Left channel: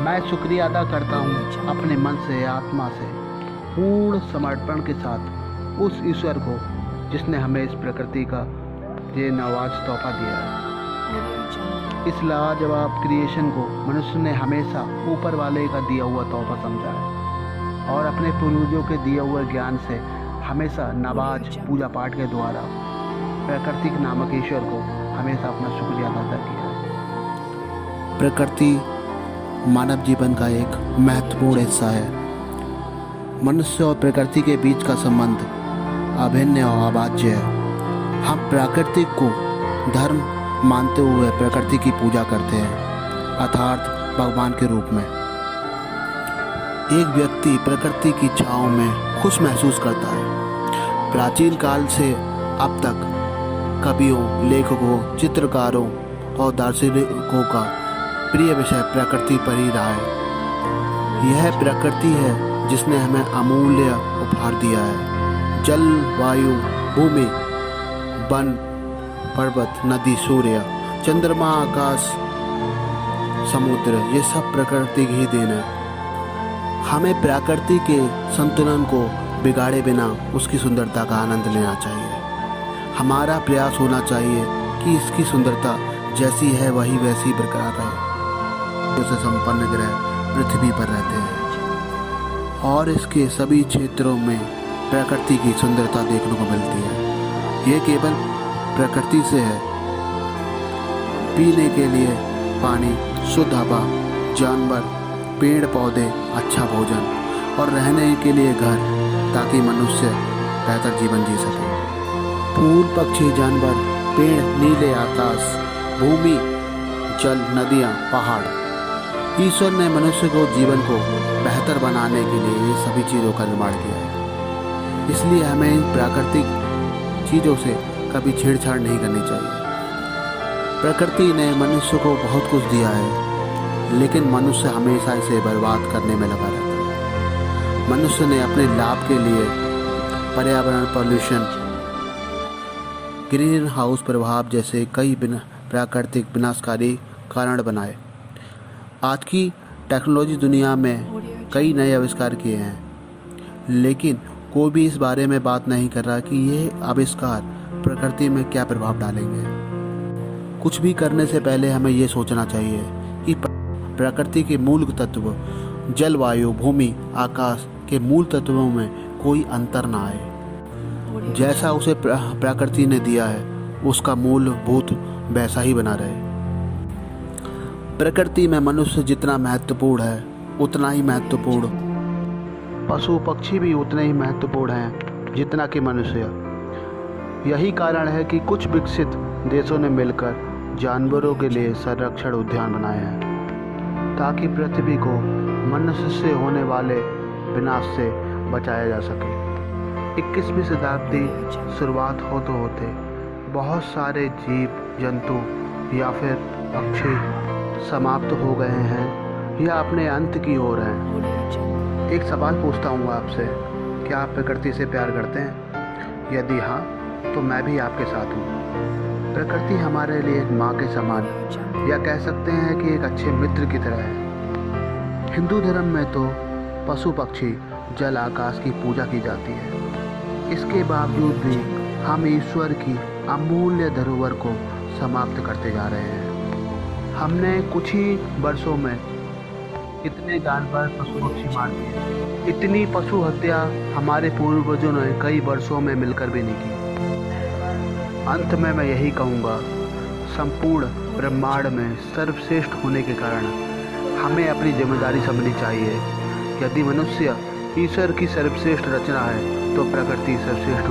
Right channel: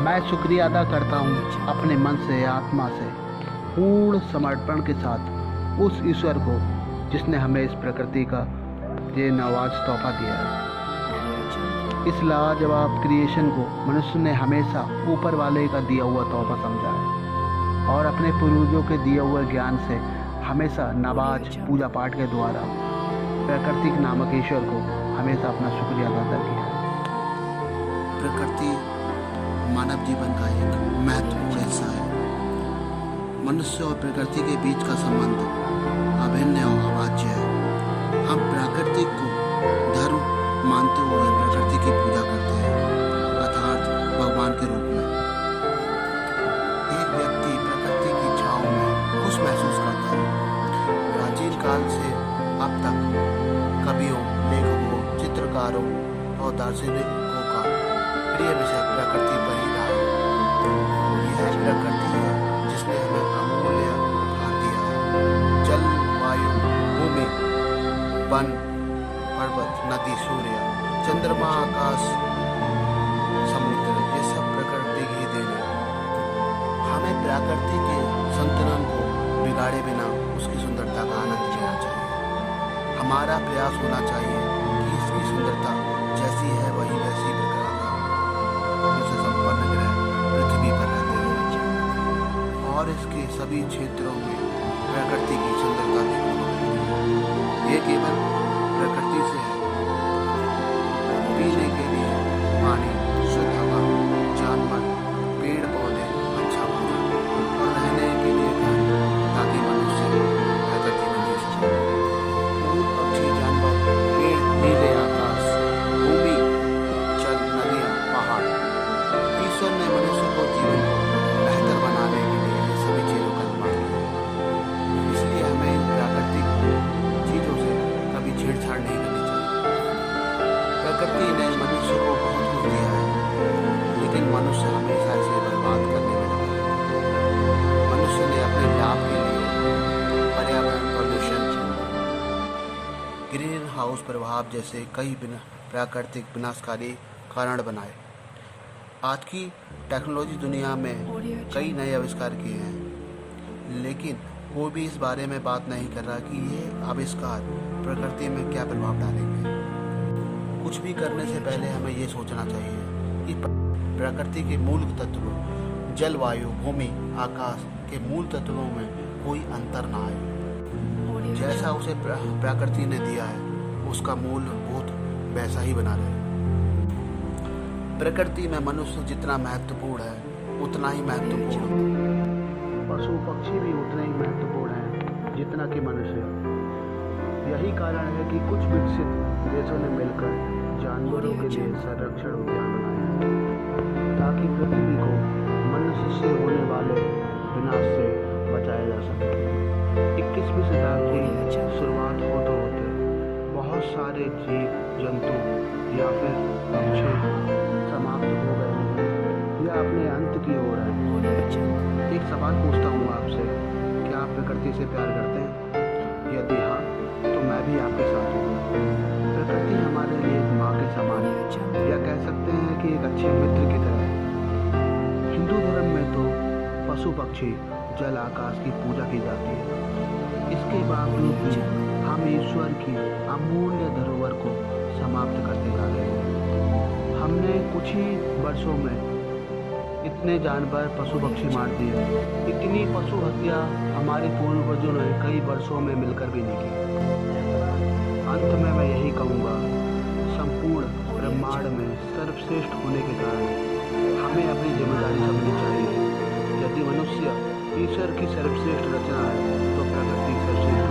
मैं शुक्रिया अदा करता हूँ अपने मन से, आत्मा से, पूर्ण समर्पण के साथ उस ईश्वर को जिसने हमें इस प्रकृति का ये नवाज तोहफा दिया है। इस लाजवाब क्रिएशन को मनुष्य ने हमेशा ऊपर वाले का दिया हुआ तोहफा समझा है और अपने पूर्वजों के दिए हुए ज्ञान से हमेशा नमाज पूजा पाठ के द्वारा प्रकृति नामक ईश्वर को हमेशा अपना शुक्रिया अदा किया है। प्रकृति मानव जीवन का एक महत्वपूर्ण हिस्सा है। मनुष्य और प्रकृति के बीच का संबंध अभिन्न और अभाज्य है। हम प्रकृति को धर्म मानते हुए प्रकृति की पूजा करते हैं, अर्थात भगवान के रूप में। एक व्यक्ति प्रकृति की छाँव में खुश महसूस करता है। प्राचीन काल से अब तक कवियों, लेखकों, चित्रकारों और दार्शनिकों का प्रिय विषय प्रकृति पर ही रहा है। यह प्रकृति है जिसने हमें अमूल्य उपहार दिया है। जल, वायु, भूमि, वन, पर्वत, नदी, सूर्य, चंद्रमा, आकाश, समुद्र, ये सब प्रकृति की ही देन है। हमें प्रकृति के संतुलन को बिगाड़े बिना उसकी सुंदरता का आनंद लेना चाहिए। हमारा प्रयास होना चाहिए कि इसकी सुंदरता जैसी है वही वैसी बरकरार रहे। से संपन्न ग्रह पृथ्वी पर रहते हैं और इसके सभी क्षेत्रों में प्रकृति की सुंदरता देखने को मिलती है। ये केवल प्रकृति से है। पीने के लिए पानी, शुद्ध हवा, जानवर, पेड़ पौधे, अच्छा भोजन और रहने के लिए घर, ताकि मनुष्य बेहतर जीवन जी सके। फूल, पक्षी, जानवर, पेड़, नीले आकाश, भूमि, जल, नदियाँ, पहाड़, ईश्वर ने मनुष्य को जीवन को बेहतर बनाने के लिए ये सभी चीज़ों का निर्माण किया है। इसलिए हमें इन प्राकृतिक चीज़ों से कभी छेड़छाड़ नहीं करनी चाहिए। प्रकृति ने मनुष्य को बहुत कुछ दिया है, लेकिन मनुष्य हमेशा इसे बर्बाद करने में लगा रहता है। मनुष्य ने अपने लाभ के लिए पर्यावरण पॉल्यूशन, ग्रीन हाउस प्रभाव जैसे कई प्राकृतिक विनाशकारी कारण बनाए। आज की टेक्नोलॉजी दुनिया में कई नए आविष्कार किए हैं, लेकिन कोई भी इस बारे में बात नहीं कर रहा कि ये आविष्कार प्रकृति में क्या प्रभाव डालेंगे। कुछ भी करने से पहले हमें ये सोचना चाहिए कि प्रकृति के मूल तत्व जल, वायु, भूमि, आकाश के मूल तत्वों में कोई अंतर ना आए। जैसा उसे प्रकृति ने दिया है उसका मूलभूत वैसा ही बना रहे। प्रकृति में मनुष्य जितना महत्वपूर्ण है उतना ही महत्वपूर्ण पशु पक्षी भी उतने ही महत्वपूर्ण हैं जितना कि मनुष्य। यही कारण है कि कुछ विकसित देशों ने मिलकर जानवरों के लिए संरक्षण उद्यान बनाए हैं, ताकि पृथ्वी को मनुष्य से होने वाले विनाश से बचाया जा सके। 21वीं शताब्दी शुरुआत होते बहुत सारे जीव जंतु या फिर पक्षी समाप्त हो गए हैं या अपने अंत की ओर हैं। एक सवाल पूछता हूँ आपसे, क्या आप प्रकृति से प्यार करते हैं? यदि हाँ, तो मैं भी आपके साथ हूँ। प्रकृति हमारे लिए एक माँ के समान, या कह सकते हैं कि एक अच्छे मित्र की तरह है। हिंदू धर्म में तो पशु पक्षी, जल, आकाश की पूजा की जाती है। इसके बावजूद भी हम ईश्वर की अमूल्य धरोहर को समाप्त करते जा रहे हैं। हमने कुछ ही वर्षों में इतने जानवर, पशु पक्षी मार दिए। इतनी पशु हत्या हमारे पूर्वजों ने कई वर्षों में मिलकर भी नहीं की। अंत में मैं यही कहूँगा, संपूर्ण ब्रह्मांड में सर्वश्रेष्ठ होने के कारण हमें अपनी जिम्मेदारी समझनी चाहिए। यदि मनुष्य ईश्वर की सर्वश्रेष्ठ रचना है तो प्रकृति सर्वश्रेष्ठ